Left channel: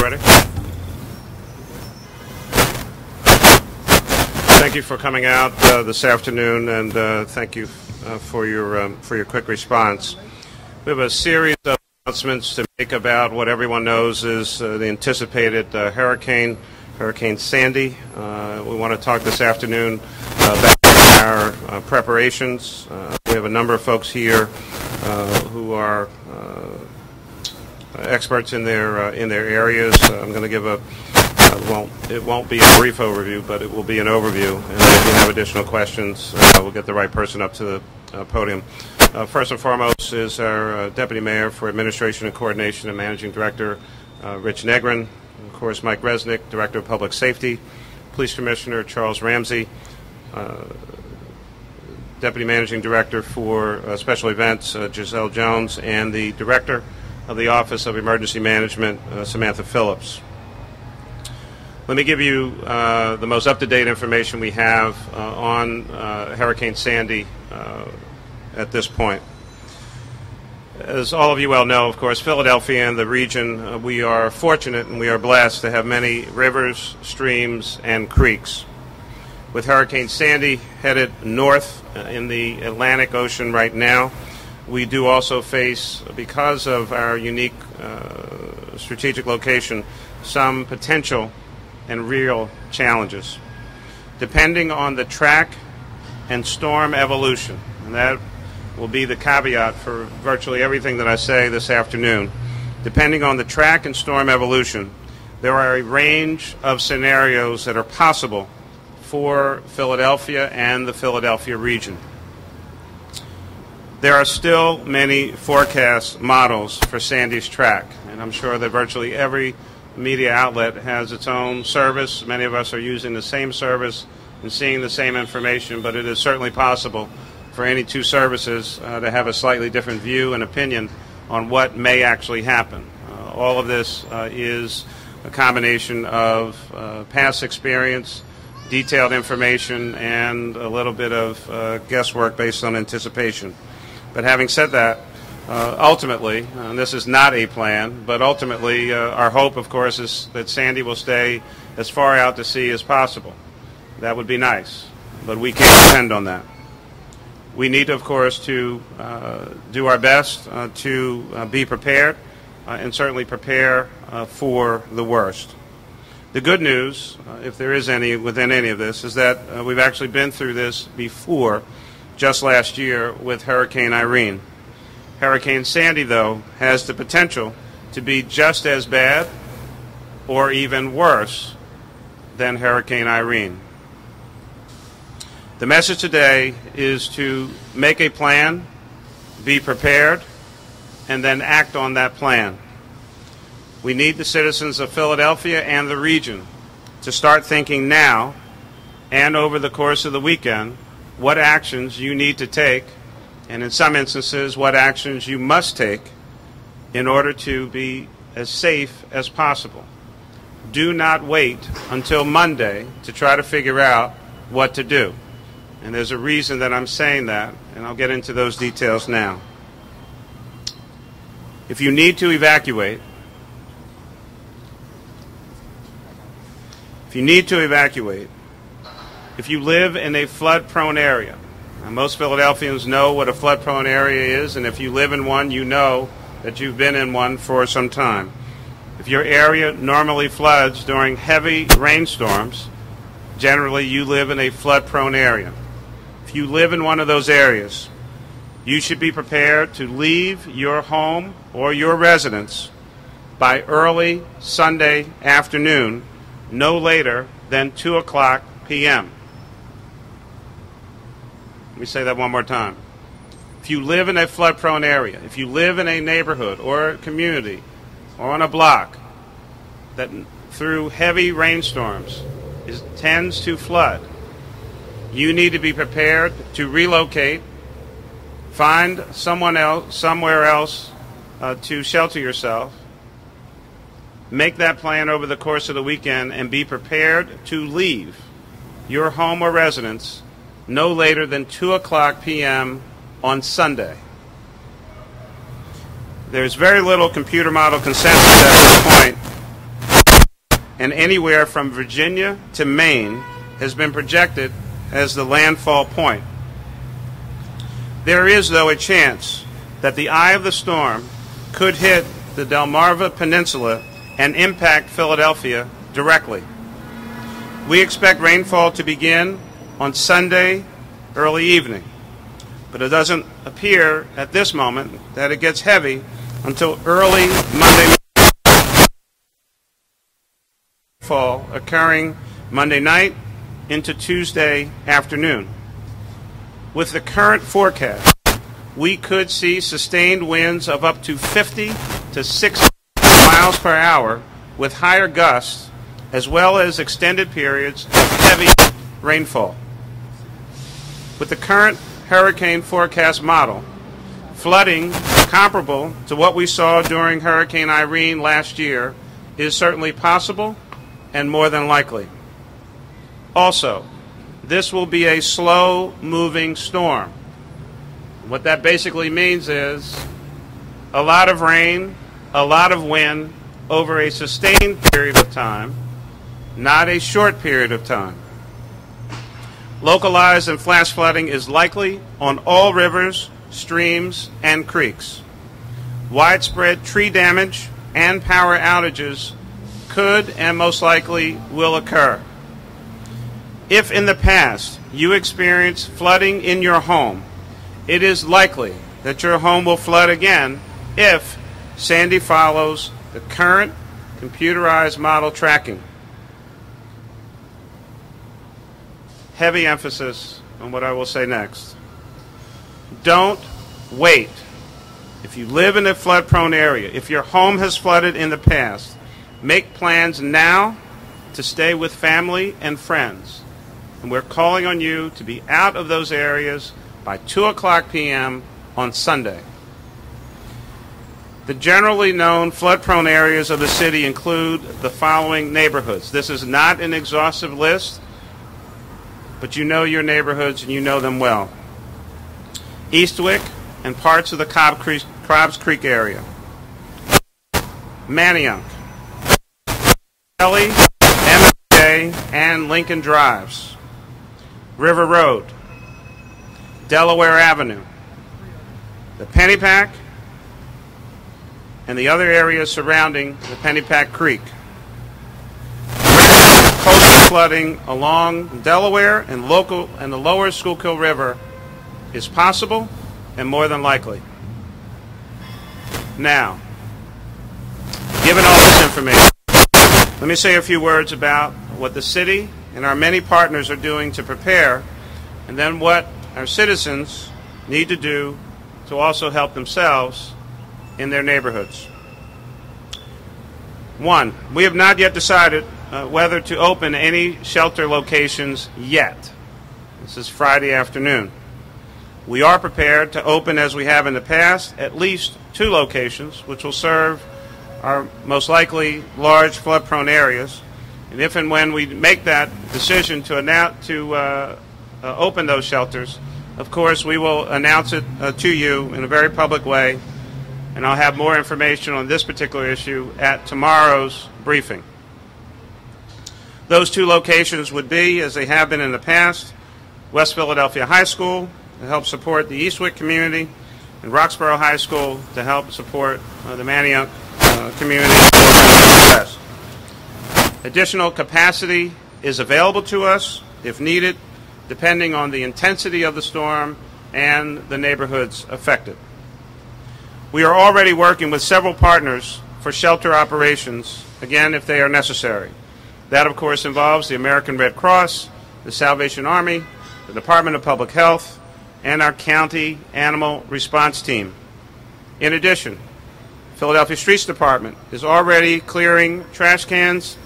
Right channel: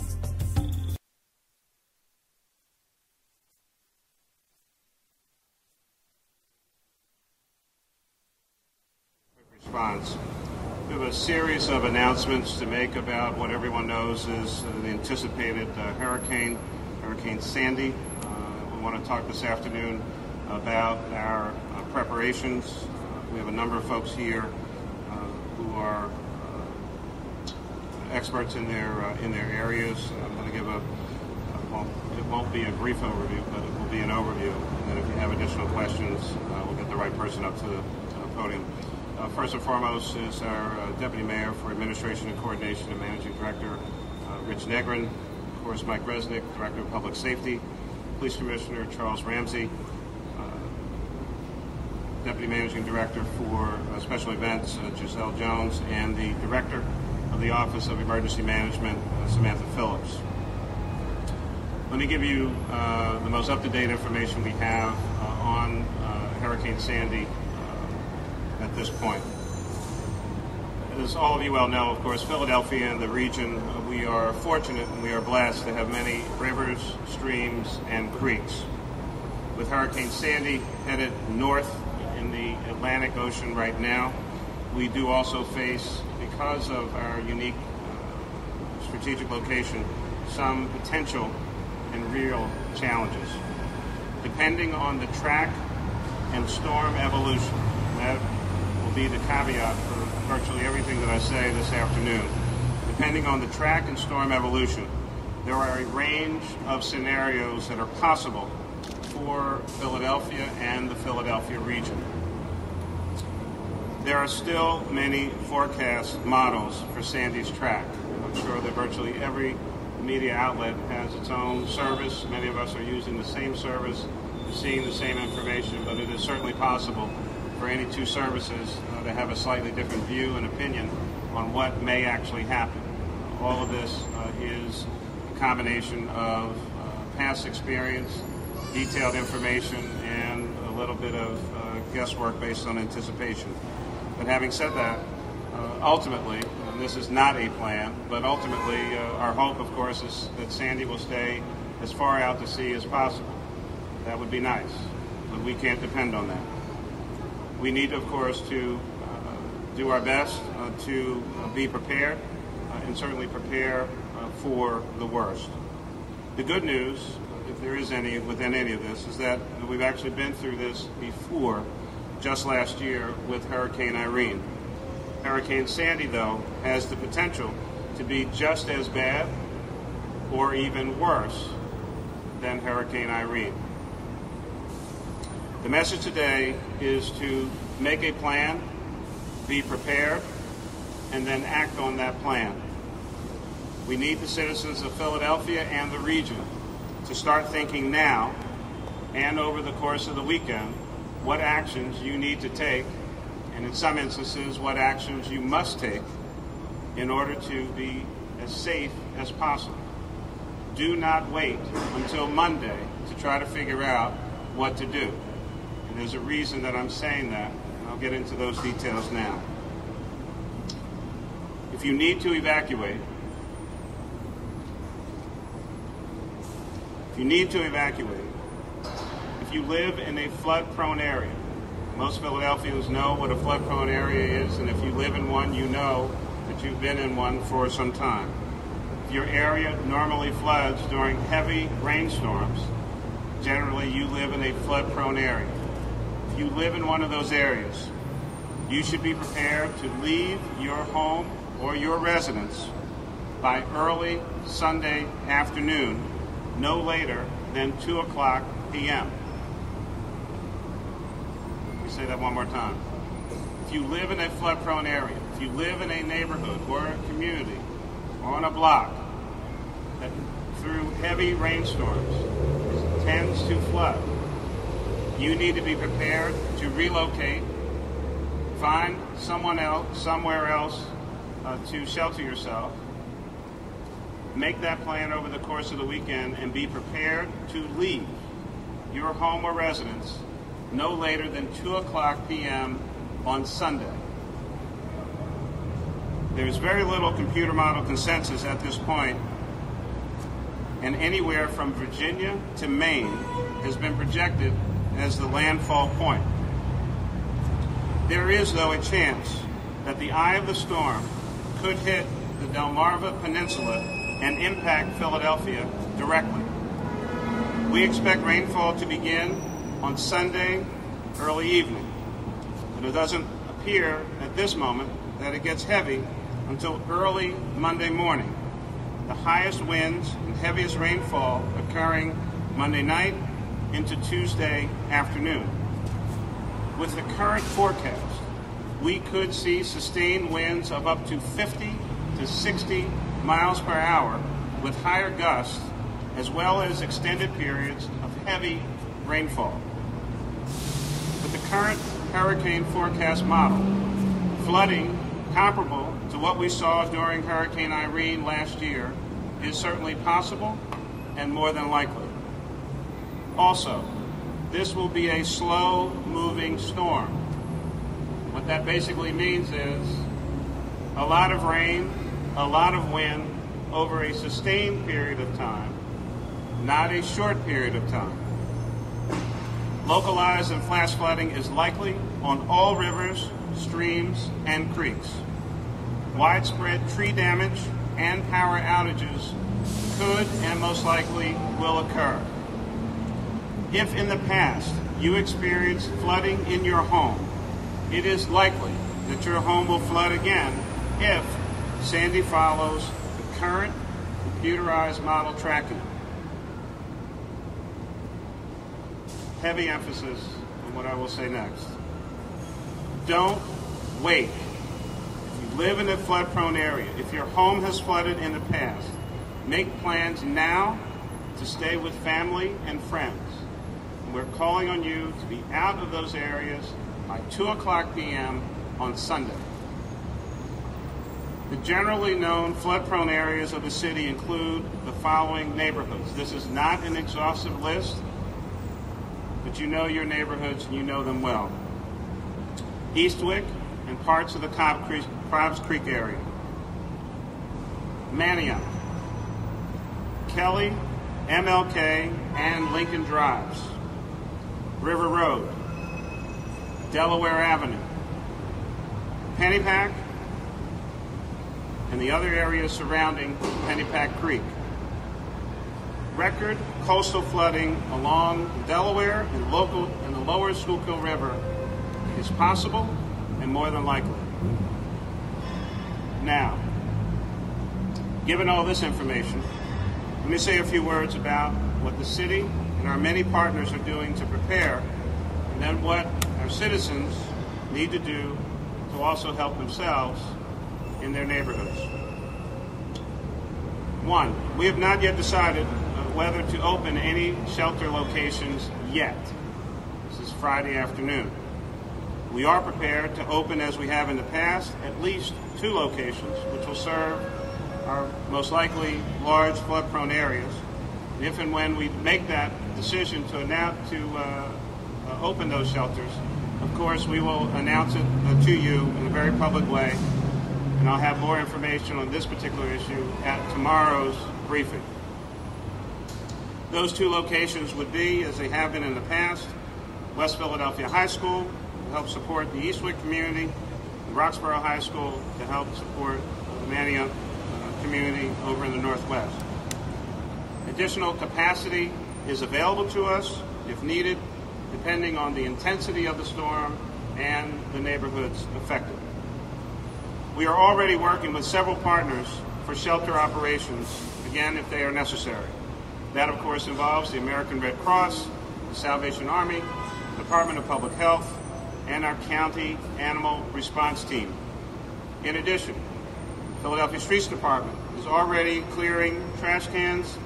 Ready? Thank you for coming out this afternoon, and thank you for your quick response. We have a series of announcements to make about what everyone knows is the anticipated Hurricane Sandy. We want to talk this afternoon about our preparations. We have a number of folks here who are experts in their areas. I'm going to give it won't be a brief overview, but it will be an overview. And if you have additional questions, we'll get the right person up to the podium. First and foremost is our Deputy Mayor for Administration and Coordination and Managing Director, Rich Negrin. Of course, Mike Resnick, Director of Public Safety. Police Commissioner Charles Ramsey. Deputy Managing Director for Special Events, Giselle Jones, and the Director of the Office of Emergency Management, Samantha Phillips. Let me give you the most up-to-date information we have on Hurricane Sandy at this point. As all of you well know, of course, Philadelphia and the region, we are fortunate and we are blessed to have many rivers, streams, and creeks. With Hurricane Sandy headed north in the Atlantic Ocean right now, we do also face, because of our unique strategic location, some potential and real challenges. Depending on the track and storm evolution, and that will be the caveat for virtually everything that I say this afternoon. Depending on the track and storm evolution, there are a range of scenarios that are possible for Philadelphia and the Philadelphia region. There are still many forecast models for Sandy's track, and I'm sure that virtually every media outlet has its own service. Many of us are using the same service and seeing the same information, but it is certainly possible for any two services to have a slightly different view and opinion on what may actually happen. All of this is a combination of past experience, detailed information, and a little bit of guesswork based on anticipation. But having said that, ultimately, and this is not a plan, but ultimately our hope, of course, is that Sandy will stay as far out to sea as possible. That would be nice, but we can't depend on that. We need, of course, to do our best to be prepared and certainly prepare for the worst. The good news, if there is any within any of this, is that we've actually been through this before, just last year with Hurricane Irene. Hurricane Sandy, though, has the potential to be just as bad or even worse than Hurricane Irene. The message today is to make a plan, be prepared, and then act on that plan. We need the citizens of Philadelphia and the region to start thinking now and over the course of the weekend what actions you need to take, and in some instances what actions you must take in order to be as safe as possible. Do not wait until Monday to try to figure out what to do. And there's a reason that I'm saying that, and I'll get into those details now. If you need to evacuate, if you live in a flood-prone area, and most Philadelphians know what a flood-prone area is, and if you live in one, you know that you've been in one for some time. If your area normally floods during heavy rainstorms, generally you live in a flood-prone area. If you live in one of those areas, you should be prepared to leave your home or your residence by early Sunday afternoon, no later than 2:00 p.m. Let me say that one more time. If you live in a flood-prone area, if you live in a neighborhood or a community or on a block that through heavy rainstorms tends to flood, you need to be prepared to relocate, find somewhere else to shelter yourself, make that plan over the course of the weekend, and be prepared to leave your home or residence no later than 2:00 p.m. on Sunday. There's very little computer model consensus at this point and anywhere from Virginia to Maine has been projected as the landfall point. There is, though, a chance that the eye of the storm could hit the Delmarva Peninsula and impact Philadelphia directly. We expect rainfall to begin on Sunday early evening, but it doesn't appear at this moment that it gets heavy until early Monday morning. The highest winds and heaviest rainfall occurring Monday night into Tuesday afternoon. With the current forecast, we could see sustained winds of up to 50 to 60 miles per hour with higher gusts, as well as extended periods of heavy rainfall. With the current hurricane forecast model, flooding comparable to what we saw during Hurricane Irene last year is certainly possible and more than likely. Also, this will be a slow-moving storm. What that basically means is a lot of rain, a lot of wind over a sustained period of time, not a short period of time. Localized and flash flooding is likely on all rivers, streams, and creeks. Widespread tree damage and power outages could and most likely will occur. If in the past you experienced flooding in your home, it is likely that your home will flood again if Sandy follows the current computerized model tracking. Heavy emphasis on what I will say next. Don't wait. If you live in a flood-prone area, if your home has flooded in the past, make plans now to stay with family and friends. And we're calling on you to be out of those areas by 2:00 p.m. on Sunday. The generally known flood-prone areas of the city include the following neighborhoods. This is not an exhaustive list, but you know your neighborhoods and you know them well. Eastwick and parts of the Cobbs Creek area. Manayunk, Kelly, MLK, and Lincoln Drives. River Road, Delaware Avenue, the Pennypack, and the other areas surrounding the Pennypack Creek. Coastal flooding along Delaware and the lower Schuylkill River is possible and more than likely. Now, given all this information, let me say a few words about what the city and our many partners are doing to prepare, and then what our citizens need to do to also help themselves in their neighborhoods. One, we have not yet decided whether to open any shelter locations yet. This is Friday afternoon. We are prepared to open, as we have in the past, at least 2 locations, which will serve our most likely large flood-prone areas. And if and when we make that decision to open those shelters, of course, we will announce it to you in a very public way, and I'll have more information on this particular issue at tomorrow's briefing. Those 2 locations would be, as they have been in the past, West Philadelphia High School to help support the Eastwick community, and Roxborough High School to help support the Manayunk community West. Additional capacity is available to us if needed, depending on the intensity of the storm and the neighborhoods affected. We are already working with several partners for shelter operations, again, if they are necessary. That, of course, involves the American Red Cross, the Salvation Army, the Department of Public Health, and our county animal response team. In addition, Philadelphia Streets Department is already clearing trash cans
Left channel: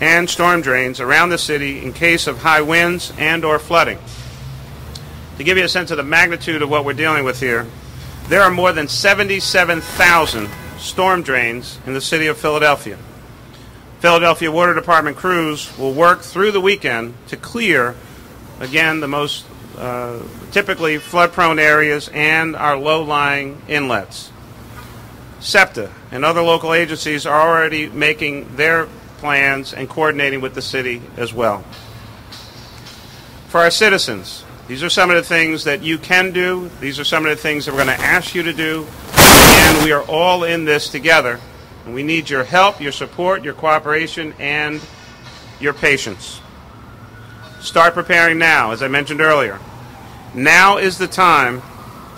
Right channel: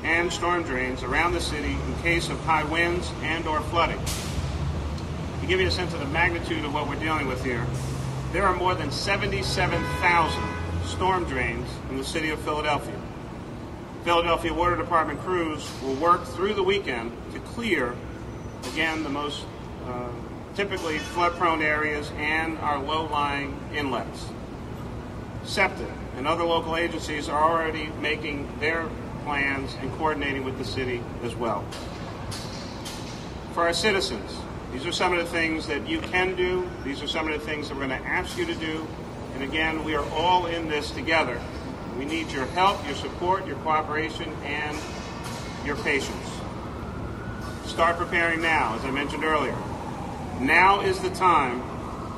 and storm drains around the city in case of high winds and or flooding. To give you a sense of the magnitude of what we're dealing with here, there are more than 77,000 storm drains in the city of Philadelphia. Philadelphia Water Department crews will work through the weekend to clear, again, the most typically flood-prone areas and our low-lying inlets. SEPTA and other local agencies are already making their plans and coordinating with the city as well. For our citizens, these are some of the things that you can do. These are some of the things that we're going to ask you to do. And we are all in this together. We need your help, your support, your cooperation, and your patience. Start preparing now, as I mentioned earlier. Now is the time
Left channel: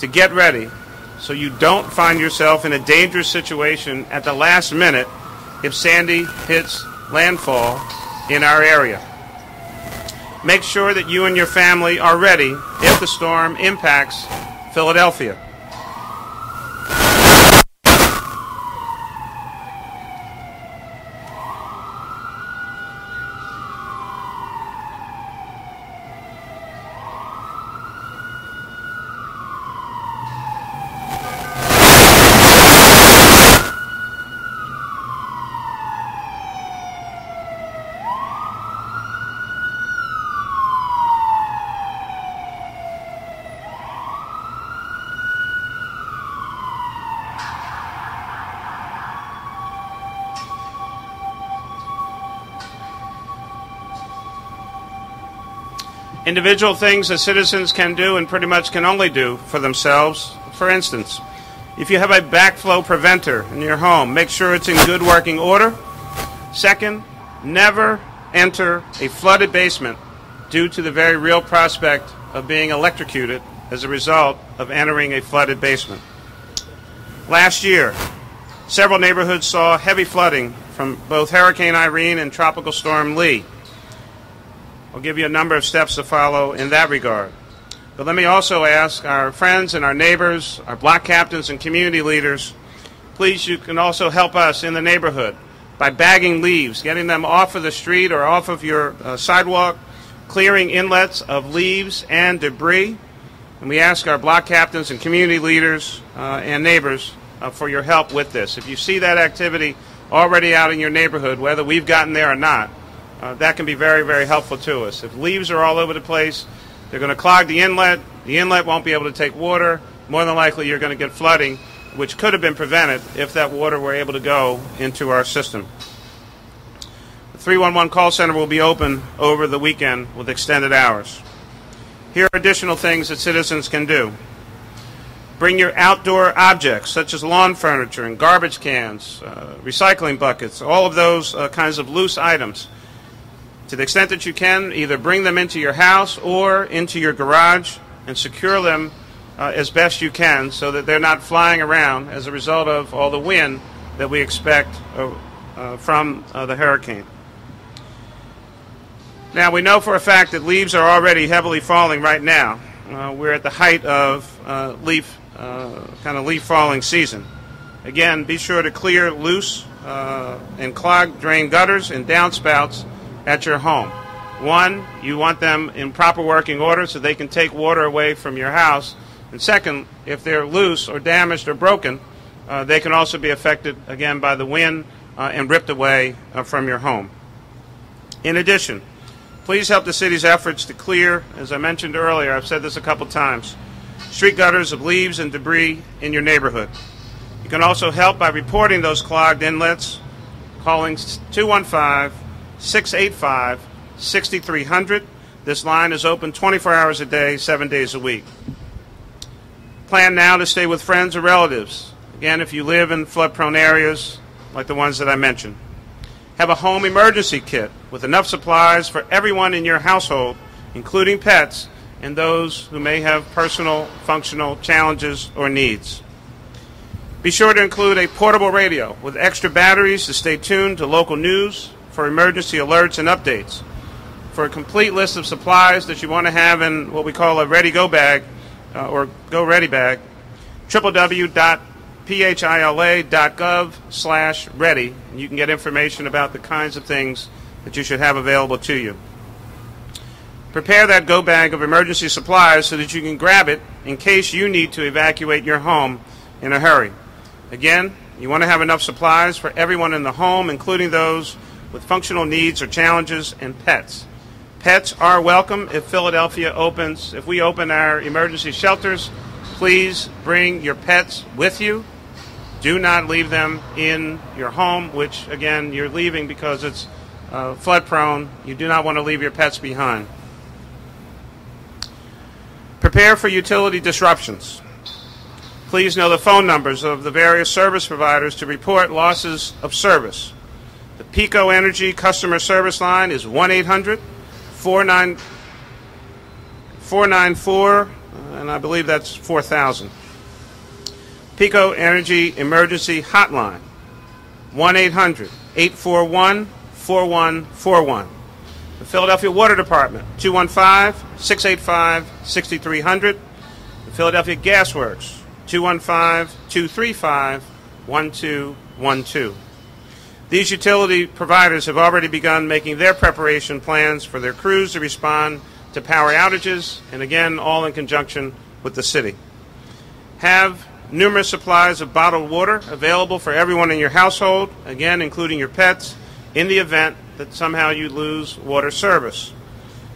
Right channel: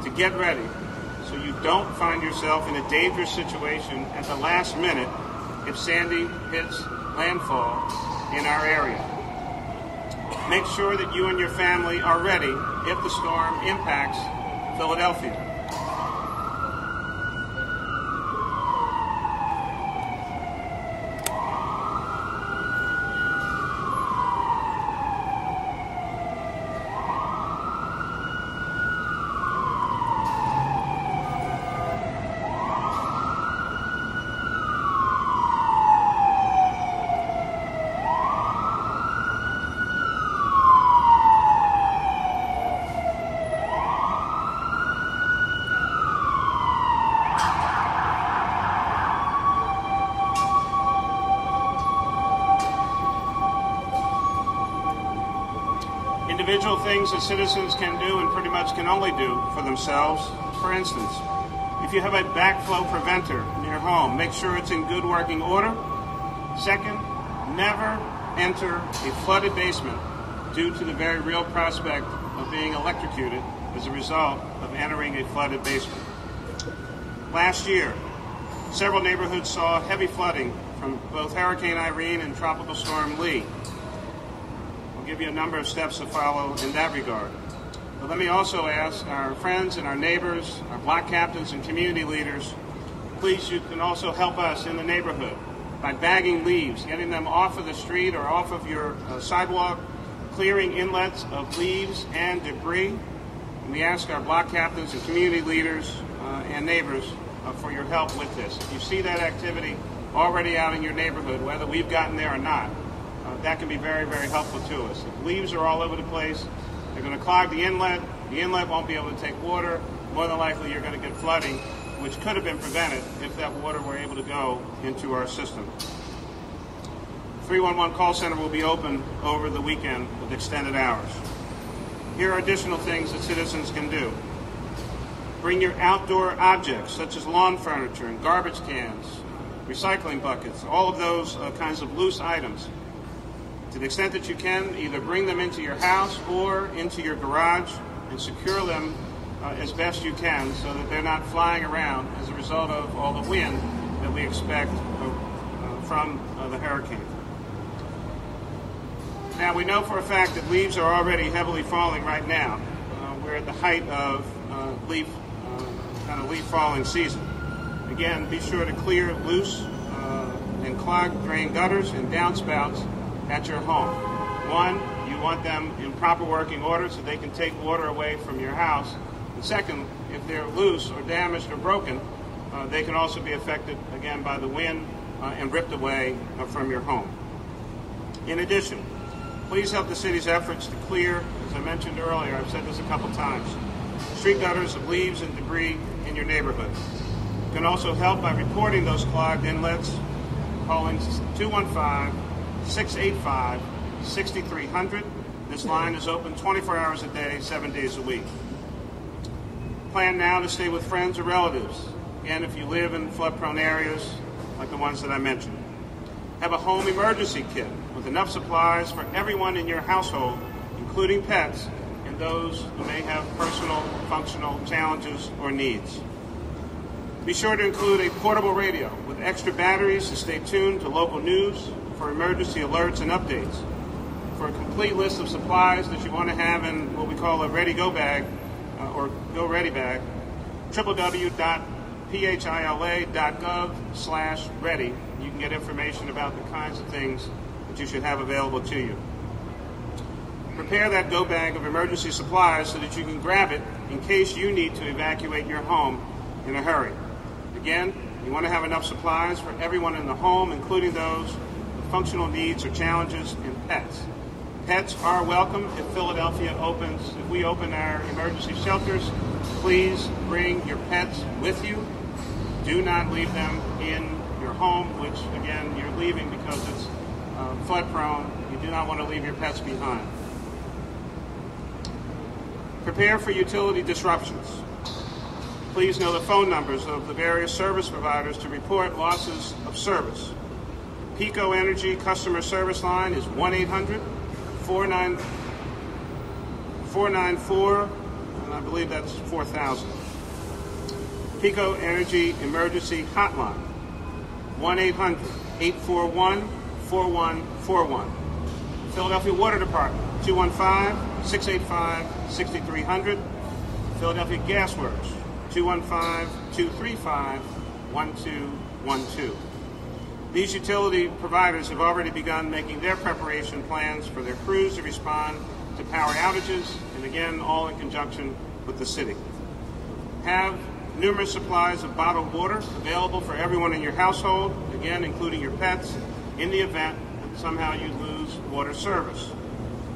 to get ready so you don't find yourself in a dangerous situation at the last minute if Sandy hits landfall in our area. Make sure that you and your family are ready if the storm impacts Philadelphia. Individual things that citizens can do and pretty much can only do for themselves. For instance, if you have a backflow preventer in your home, make sure it's in good working order. Second, never enter a flooded basement due to the very real prospect of being electrocuted as a result of entering a flooded basement. Last year, several neighborhoods saw heavy flooding from both Hurricane Irene and Tropical Storm Lee. I'll give you a number of steps to follow in that regard. But let me also ask our friends and our neighbors, our block captains and community leaders, please, you can also help us in the neighborhood by bagging leaves, getting them off of the street or off of your sidewalk, clearing inlets of leaves and debris. And we ask our block captains and community leaders and neighbors for your help with this. If you see that activity already out in your neighborhood, whether we've gotten there or not, that can be very, very helpful to us. If leaves are all over the place, they're going to clog the inlet. The inlet won't be able to take water. More than likely, you're going to get flooding, which could have been prevented if that water were able to go into our system. The 311 call center will be open over the weekend with extended hours. Here are additional things that citizens can do. Bring your outdoor objects, such as lawn furniture and garbage cans, recycling buckets, all of those kinds of loose items. To the extent that you can, either bring them into your house or into your garage and secure them as best you can so that they're not flying around as a result of all the wind that we expect from the hurricane. Now, we know for a fact that leaves are already heavily falling right now. We're at the height of leaf falling season. Again, be sure to clear loose and clogged drain gutters and downspouts at your home. One, you want them in proper working order so they can take water away from your house. And second, if they're loose or damaged or broken, they can also be affected, again, by the wind and ripped away from your home. In addition, please help the city's efforts to clear, as I mentioned earlier, I've said this a couple times, street gutters of leaves and debris in your neighborhood. You can also help by reporting those clogged inlets, calling 215-685-6300. This line is open 24 hours a day, 7 days a week. Plan now to stay with friends or relatives. Again, if you live in flood-prone areas like the ones that I mentioned. Have a home emergency kit with enough supplies for everyone in your household, including pets and those who may have personal functional challenges or needs. Be sure to include a portable radio with extra batteries to stay tuned to local news for emergency alerts and updates. For a complete list of supplies that you want to have in what we call a ready-go bag or go-ready bag, www.phila.gov/ready. You can get information about the kinds of things that you should have available to you. Prepare that go bag of emergency supplies so that you can grab it in case you need to evacuate your home in a hurry. Again, you want to have enough supplies for everyone in the home, including those with functional needs or challenges, and pets. Pets are welcome if Philadelphia opens. If we open our emergency shelters, please bring your pets with you. Do not leave them in your home, which again you're leaving because it's flood prone. You do not want to leave your pets behind. Prepare for utility disruptions. Please know the phone numbers of the various service providers to report losses of service. The PECO Energy customer service line is 1-800-494, and I believe that's 4000. PECO Energy Emergency Hotline, 1-800-841-4141. The Philadelphia Water Department, 215-685-6300. Philadelphia Gas Works, 215-235-1212. These utility providers have already begun making their preparation plans for their crews to respond to power outages, and again, all in conjunction with the city. Have numerous supplies of bottled water available for everyone in your household, again, including your pets, in the event that somehow you lose water service.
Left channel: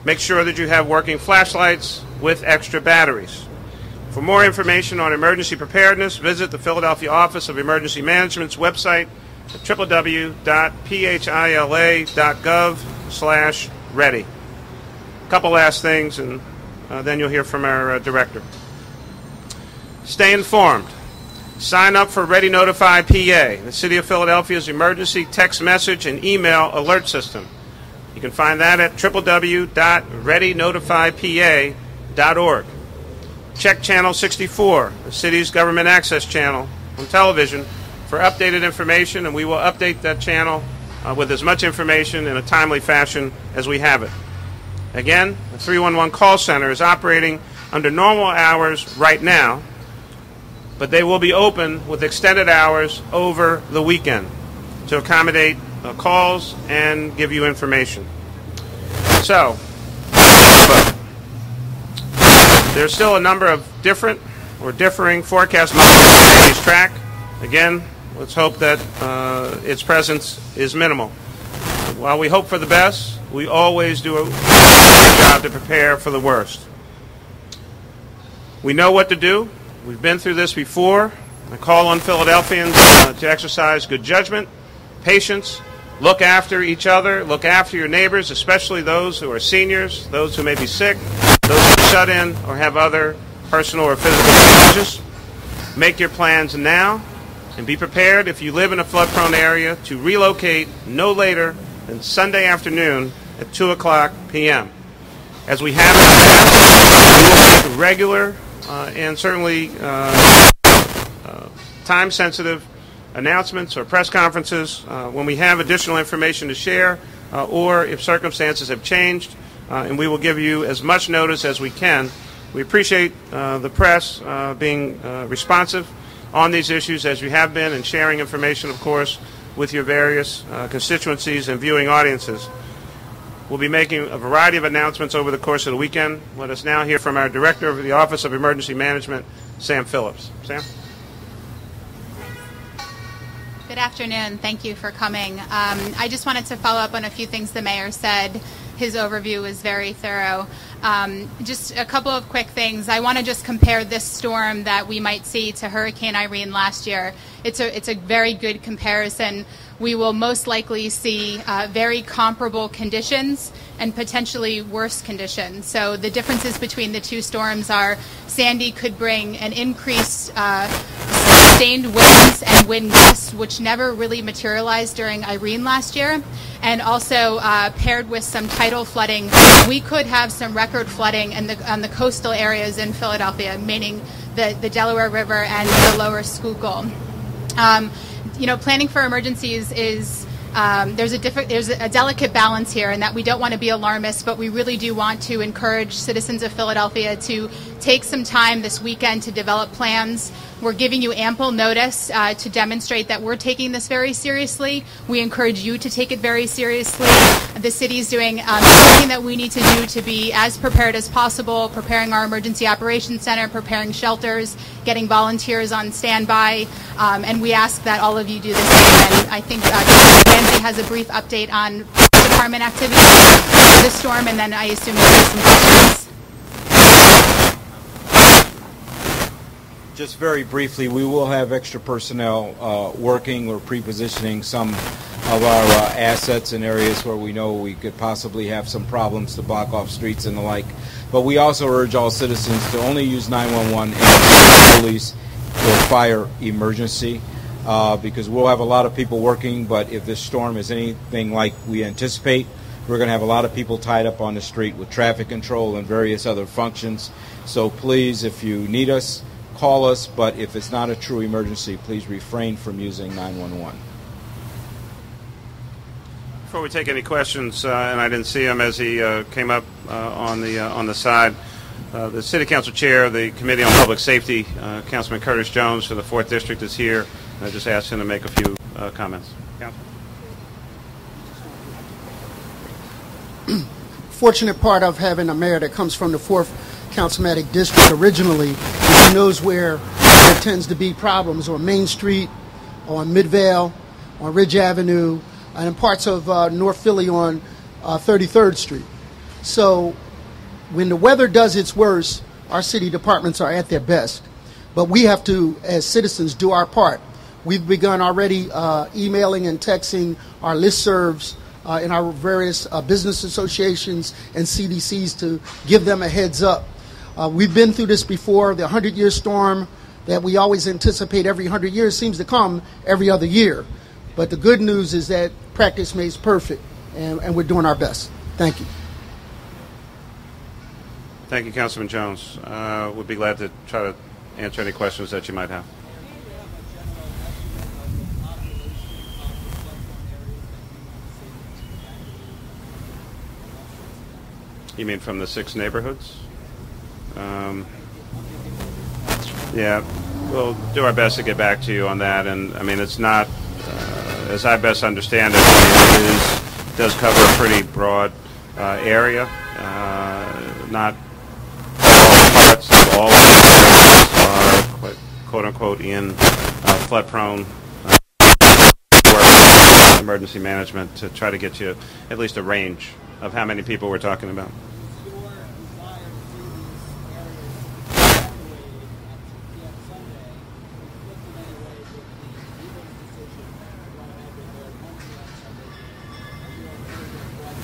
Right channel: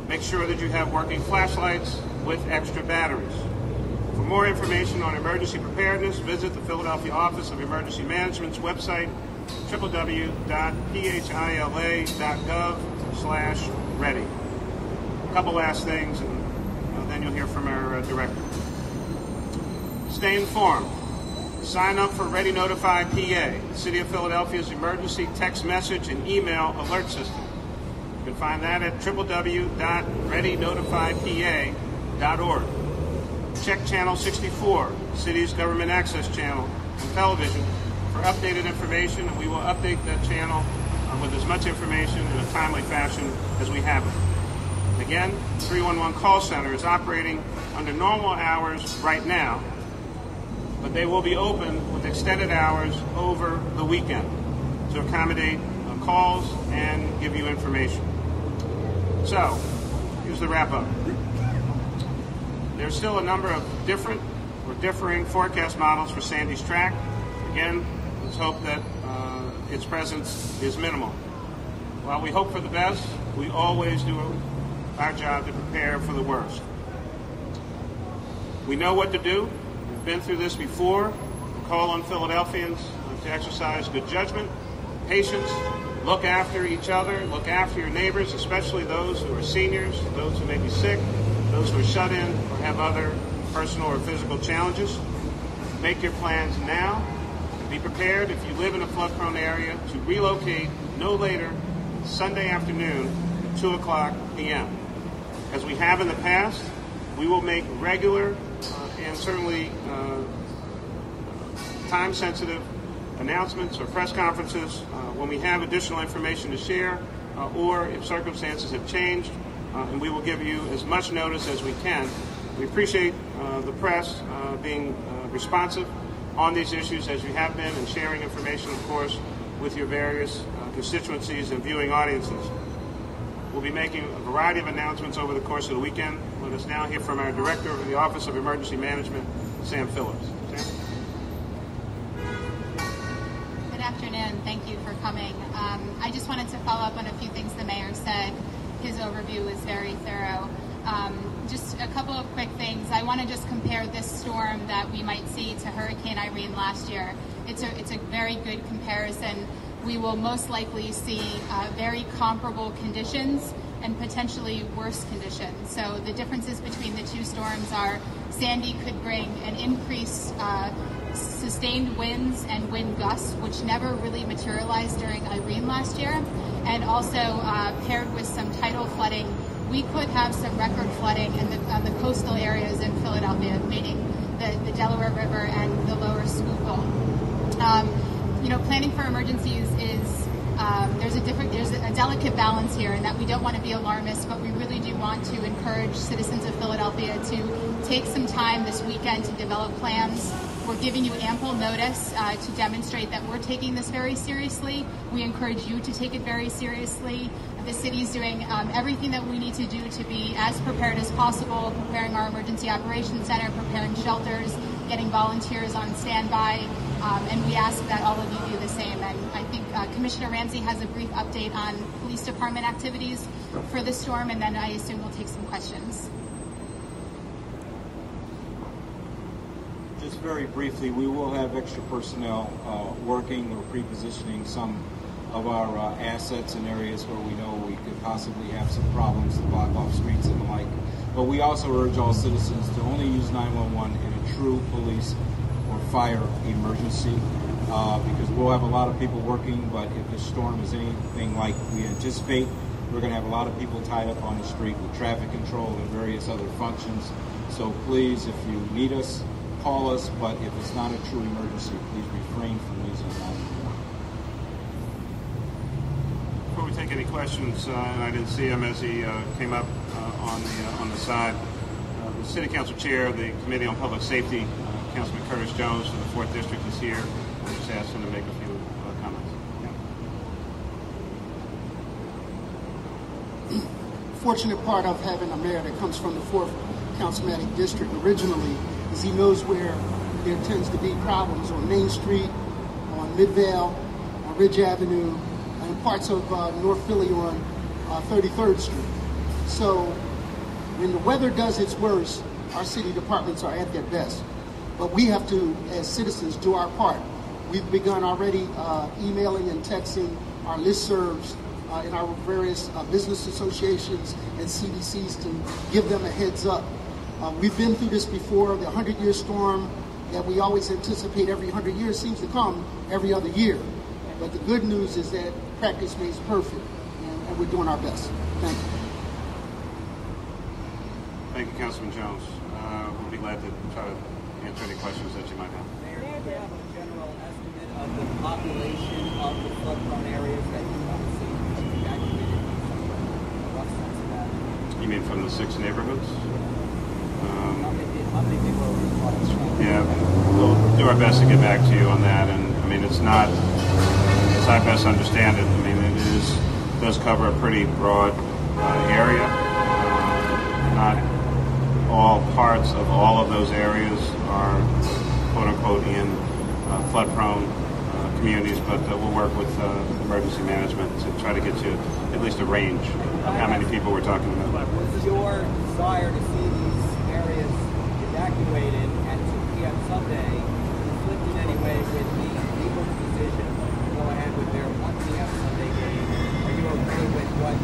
Make sure that you have working flashlights with extra batteries. For more information on emergency preparedness, visit the Philadelphia Office of Emergency Management's website at www.phila.gov/ready. A couple last things, and then you'll hear from our director. Stay informed. Sign up for Ready Notify PA, the City of Philadelphia's emergency text message and email alert system. You can find that at www.readynotifypa.org. Check Channel 64, the city's government access channel on television, for updated information, and we will update that channel with as much information in a timely fashion as we have it. Again, the 311 call center is operating under normal hours right now, but they will be open with extended hours over the weekend to accommodate calls and give you information. So, there's still a number of different or differing forecast models for Sandy's track. Again, let's hope that its presence is minimal. While we hope for the best, we always do a great job to prepare for the worst. We know what to do. We've been through this before. I call on Philadelphians to exercise good judgment, patience, look after each other, look after your neighbors, especially those who are seniors, those who may be sick, those who are shut in or have other personal or physical challenges. Make your plans now, and be prepared if you live in a flood-prone area to relocate no later than Sunday afternoon at 2:00 p.m. As we have in the past, we will make regular and certainly time-sensitive announcements or press conferences when we have additional information to share or if circumstances have changed, and we will give you as much notice as we can. We appreciate the press being responsive on these issues as you have been, and sharing information, of course, with your various constituencies and viewing audiences. We'll be making a variety of announcements over the course of the weekend. Let us now hear from our Director of the Office of Emergency Management, Sam Phillips. Sam? Good afternoon. Thank you for coming. I just wanted to follow up on a few things the mayor said. His overview was very thorough. Just a couple of quick things. I want to just compare this storm that we might see to Hurricane Irene last year. It's a very good comparison. We will most likely see very comparable conditions and potentially worse conditions. So the differences between the two storms are Sandy could bring an increased sustained winds and wind gusts, which never really materialized during Irene last year, and also paired with some tidal flooding, we could have some record flooding on the coastal areas in Philadelphia, meaning the Delaware River and the lower Schuylkill. Planning for emergencies is there's a delicate balance here, in that we don't want to be alarmist, but we really do want to encourage citizens of Philadelphia to take some time this weekend to develop plans. We're giving you ample notice to demonstrate that we're taking this very seriously. We encourage you to take it very seriously. The city's doing everything that we need to do to be as prepared as possible, preparing our emergency operations center, preparing shelters, getting volunteers on standby, and we ask that all of you do the same. And I think Ramsey has a brief update on department activities for this storm, and then I assume you'll have some questions. Just very briefly, we will have extra personnel working or pre-positioning some of our assets in areas where we know we could possibly have some problems to block off streets and the like. But we also urge all citizens to only use 911 and police or fire emergency because we'll have a lot of people working, but if this storm is anything like we anticipate, we're going to have a lot of people tied up on the street with traffic control and various other functions. So please, if you need us, call us, but if it's not a true emergency, please refrain from using 911. Before we take any questions, and I didn't see him as he came up on the side, the City Council Chair of the Committee on Public Safety, Councilman Curtis Jones for the 4th District is here. I just asked him to make a few comments. Yeah. Fortunate part of having a mayor that comes from the 4th Councilmatic District originally is he knows where there tends to be problems on Main Street, on Midvale, on Ridge Avenue, and in parts of North Philly on 33rd Street. So when the weather does its worst, our city departments are at their best. But we have to, as citizens, do our part. We've begun already emailing and texting our listservs in our various business associations and CDCs to give them a heads up. We've been through this before. The 100-year storm that we always anticipate every 100 years seems to come every other year. But the good news is that practice makes perfect, and we're doing our best. Thank you. Thank you, Councilman Jones. We'd be glad to try to answer any questions that you might have. You mean from the 6 neighborhoods? Yeah, we'll do our best to get back to you on that. And I mean, it's not, as I best understand it, it does cover a pretty broad area. Not all parts of all of these areas are, quote unquote, in flood-prone communities, but we work with emergency management to try to get you at least a range of how many people we're talking about. What's your desire to see these areas evacuated at 2 p.m. Sunday, conflict in any way with the Eagles' decision to go ahead with their 1 p.m. Sunday game? Are you okay with what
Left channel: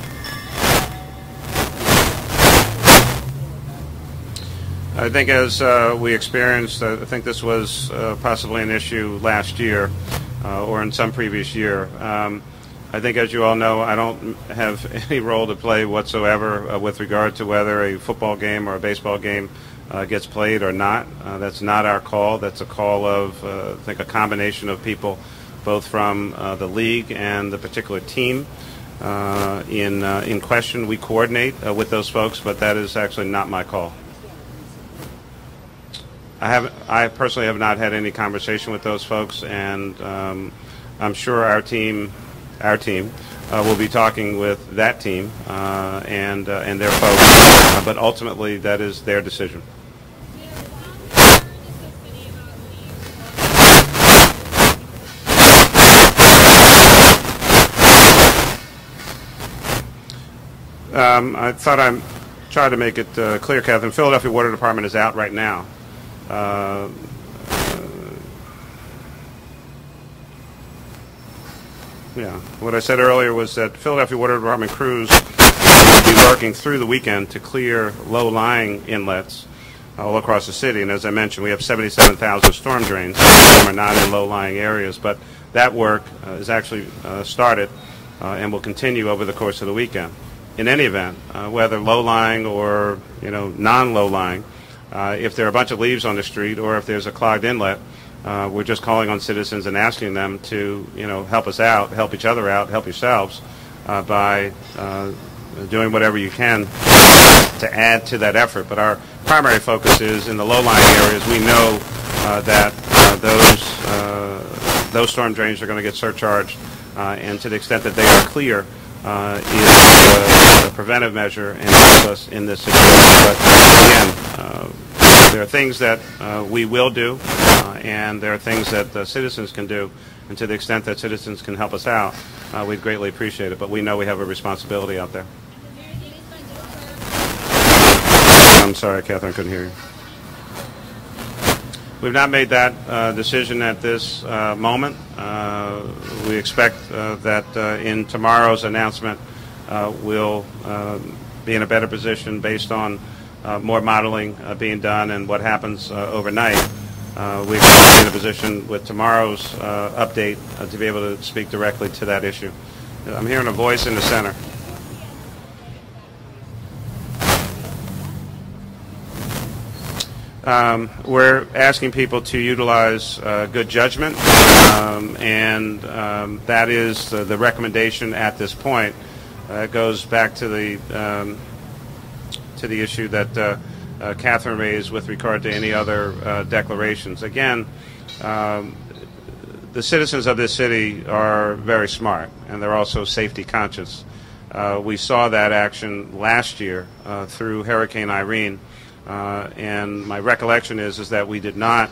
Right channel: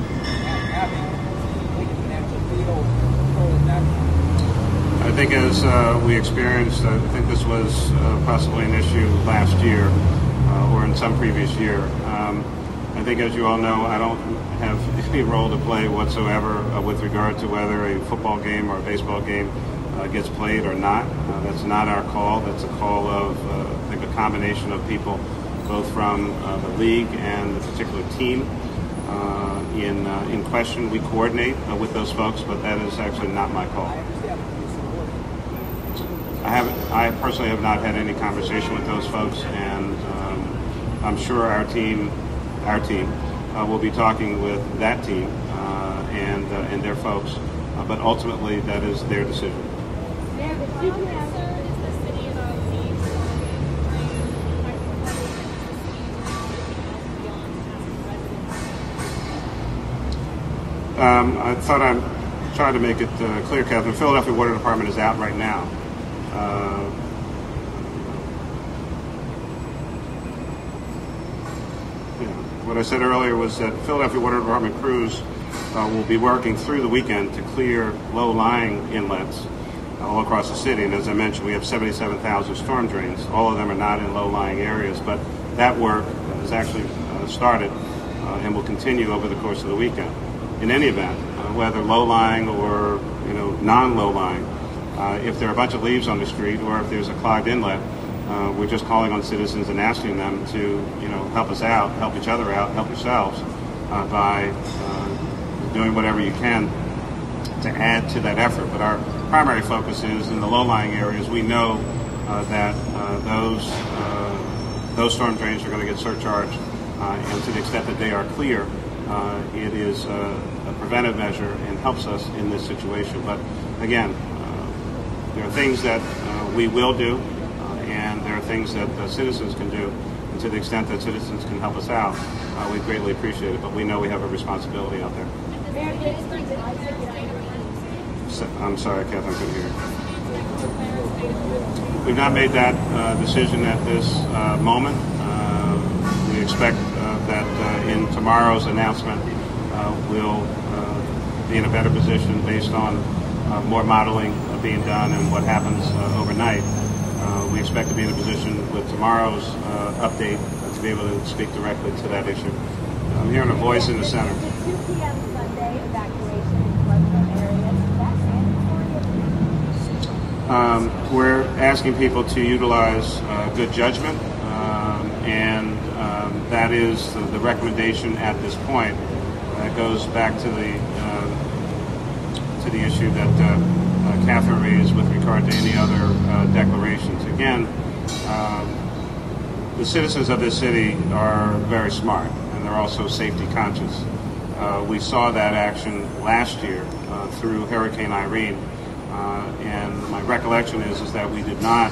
having I think as we experienced, I think this was possibly an issue last year or in some previous year. I think, as you all know, I don't have any role to play whatsoever with regard to whether a football game or a baseball game gets played or not. That's not our call. That's a call of, I think, a combination of people, both from the league and the particular team in question. We coordinate with those folks, but that is actually not my call. I personally have not had any conversation with those folks, and I'm sure our team will be talking with that team and their folks, but ultimately that is their decision. I thought I tried to make it clear, Catherine. The Philadelphia Water Department is out right now. What I said earlier was that Philadelphia Water Department crews will be working through the weekend to clear low-lying inlets all across the city. And as I mentioned, we have 77,000 storm drains. Some of them are not in low-lying areas, but that work is actually started and will continue over the course of the weekend. In any event, whether low-lying or non-low-lying, if there are a bunch of leaves on the street or if there's a clogged inlet, we're just calling on citizens and asking them to, help us out, help each other out, help yourselves by doing whatever you can to add to that effort. But our primary focus is in the low-lying areas. We know that those storm drains are going to get surcharged, and to the extent that they are clear is a preventive measure and helps us in this situation. But again, there are things that we will do, and there are things that the citizens can do. And to the extent that citizens can help us out, we greatly appreciate it. But we know we have a responsibility out there. I'm sorry, Catherine, I couldn't hear you. We've not made that decision at this moment. We expect that in tomorrow's announcement we'll be in a better position based on more modeling being done and what happens overnight. We expect to be in a position with tomorrow's update to be able to speak directly to that issue. I'm hearing a voice in the center. We're asking people to utilize good judgment, and that is the recommendation at this point. It goes back to the issue that Catherine raised with regard to any other declarations. Again, the citizens of this city are very smart, and they're also safety conscious. We saw that action last year through Hurricane Irene. And my recollection is that we did not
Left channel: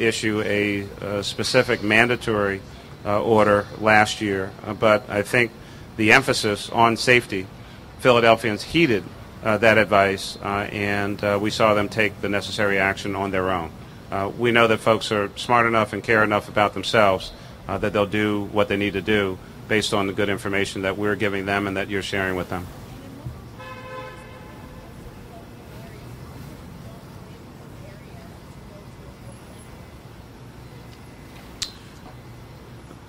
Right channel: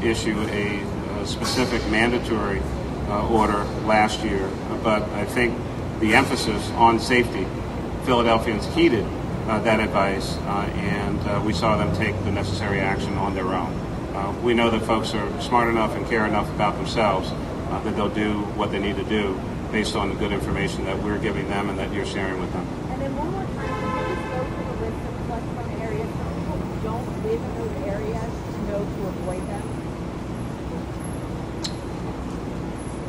issue a specific mandatory order last year, but I think the emphasis on safety, Philadelphians heeded that advice, and we saw them take the necessary action on their own. We know that folks are smart enough and care enough about themselves that they'll do what they need to do based on the good information that we're giving them and that you're sharing with them.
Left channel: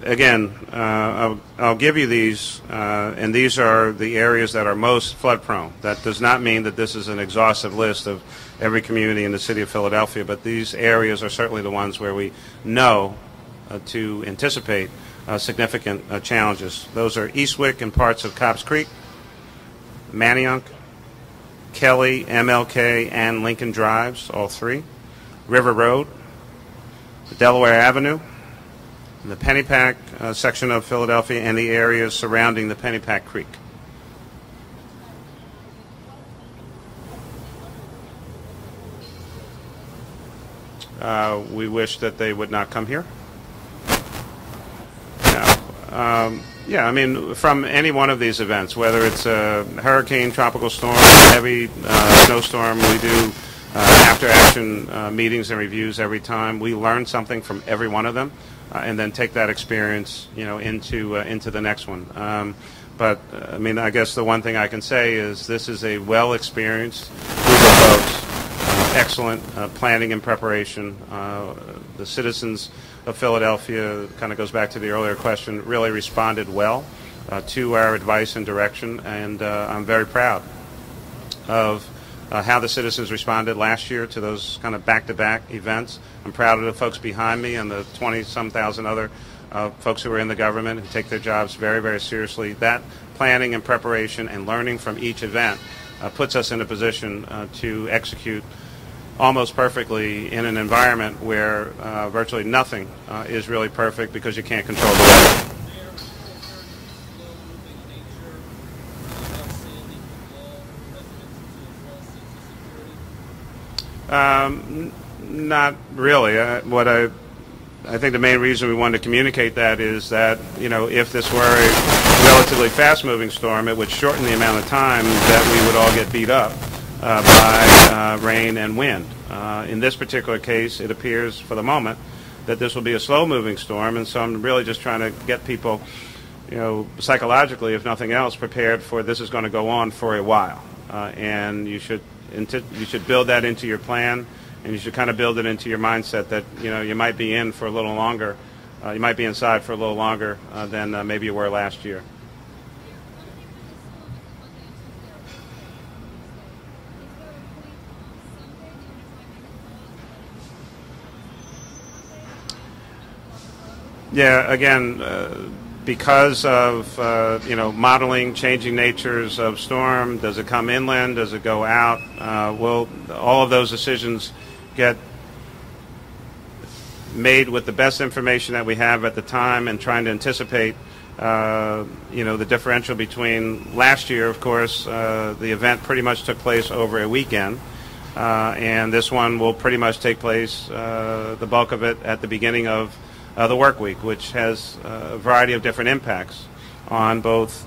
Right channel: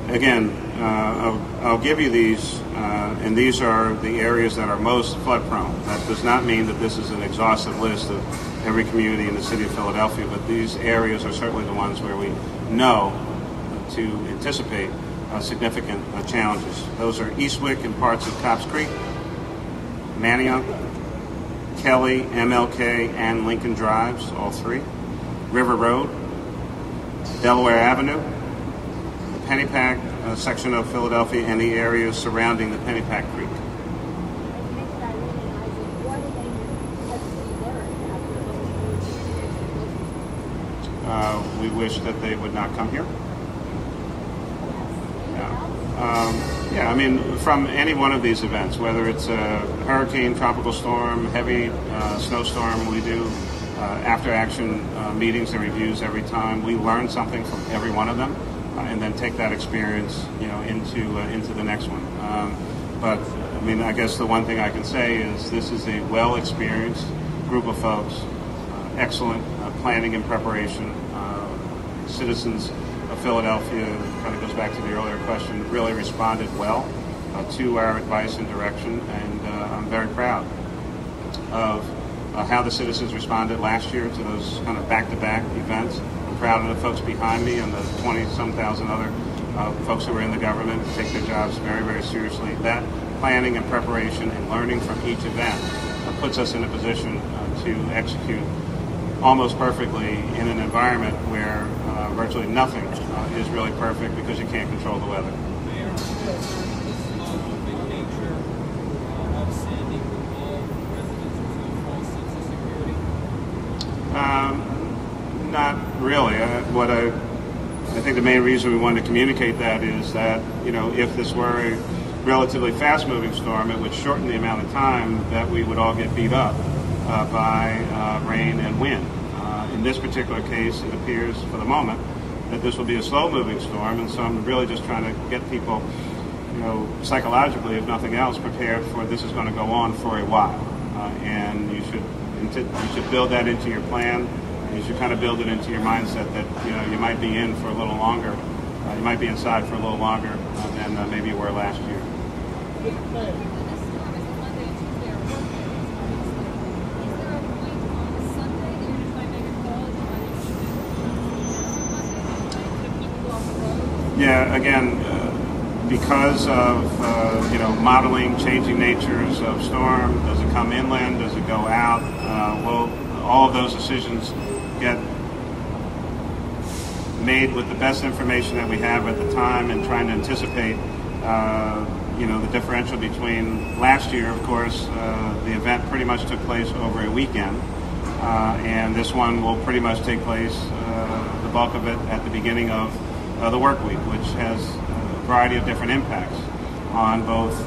Again, I'll give you these, and these are the areas that are most flood prone. That does not mean that this is an exhaustive list of every community in the city of Philadelphia, but these areas are certainly the ones where we know to anticipate significant challenges. Those are Eastwick and parts of Cobbs Creek, Manioc, Kelly, MLK, and Lincoln Drives, all three, River Road, Delaware Avenue, the Pennypack section of Philadelphia, and the areas surrounding the Pennypack Creek. We wish that they would not come here. Yeah, I mean, from any one of these events, whether it's a hurricane, tropical storm, heavy snowstorm, we do after-action meetings and reviews every time. We learn something from every one of them. And then take that experience, into the next one. But I mean, I guess the one thing I can say is this is a well-experienced group of folks, excellent planning and preparation. The citizens of Philadelphia, kind of goes back to the earlier question, really responded well to our advice and direction, and I'm very proud of how the citizens responded last year to those kind of back-to-back events. I'm proud of the folks behind me and the 20-some thousand other folks who are in the government who take their jobs very, very seriously. That planning and preparation and learning from each event puts us in a position to execute almost perfectly in an environment where virtually nothing is really perfect because you can't control the weather. Not really. I think the main reason we wanted to communicate that is that, if this were a relatively fast-moving storm, it would shorten the amount of time that we would all get beat up by rain and wind. In this particular case, it appears for the moment that this will be a slow-moving storm, and so I'm really just trying to get people, psychologically, if nothing else, prepared for this is going to go on for a while. And you should build that into your plan. And you should kind of build it into your mindset that, you might be in for a little longer. You might be inside for a little longer than maybe you were last year. Yeah, again, because of, modeling, changing natures of storm, does it come inland, does it go out? All of those decisions get made with the best information that we have at the time and trying to anticipate, the differential between last year, of course, the event pretty much took place over a weekend, and this one will pretty much take place, the bulk of it, at the beginning of the work week, which has a variety of different impacts on both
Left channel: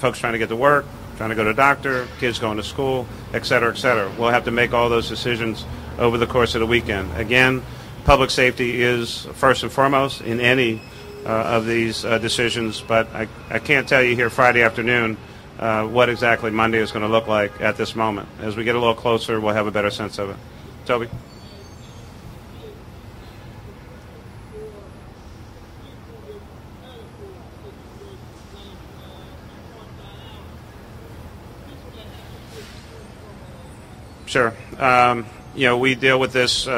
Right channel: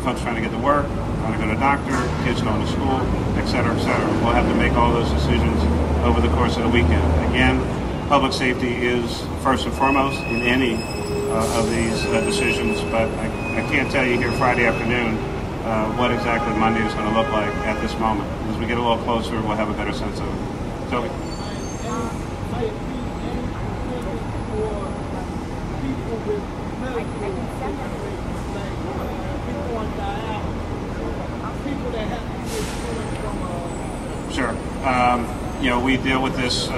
folks trying to get to work, trying to go to the doctor, kids going to school, et cetera, et cetera. We'll have to make all those decisions over the course of the weekend. Again, public safety is first and foremost in any of these decisions, but I can't tell you here Friday afternoon what exactly Monday is going to look like at this moment. As we get a little closer, we'll have a better sense of it. Toby? Sure. We deal with this,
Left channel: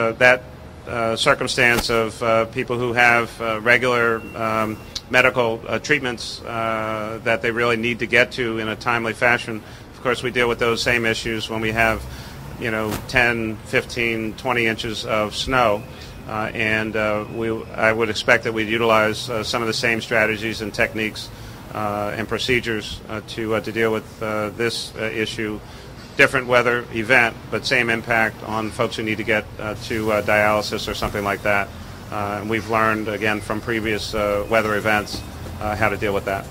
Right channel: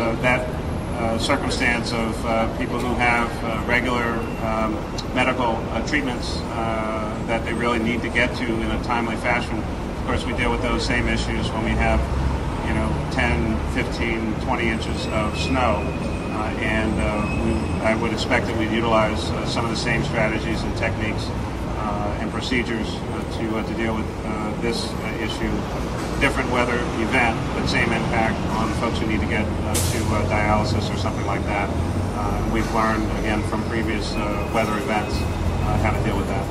circumstance of people who have regular medical treatments that they really need to get to in a timely fashion. Of course, we deal with those same issues when we have, 10, 15, 20 inches of snow. I would expect that we'd utilize some of the same strategies and techniques and procedures to deal with this issue. Different weather event, but same impact on folks who need to get to dialysis or something like that. And we've learned, again, from previous weather events how to deal with that.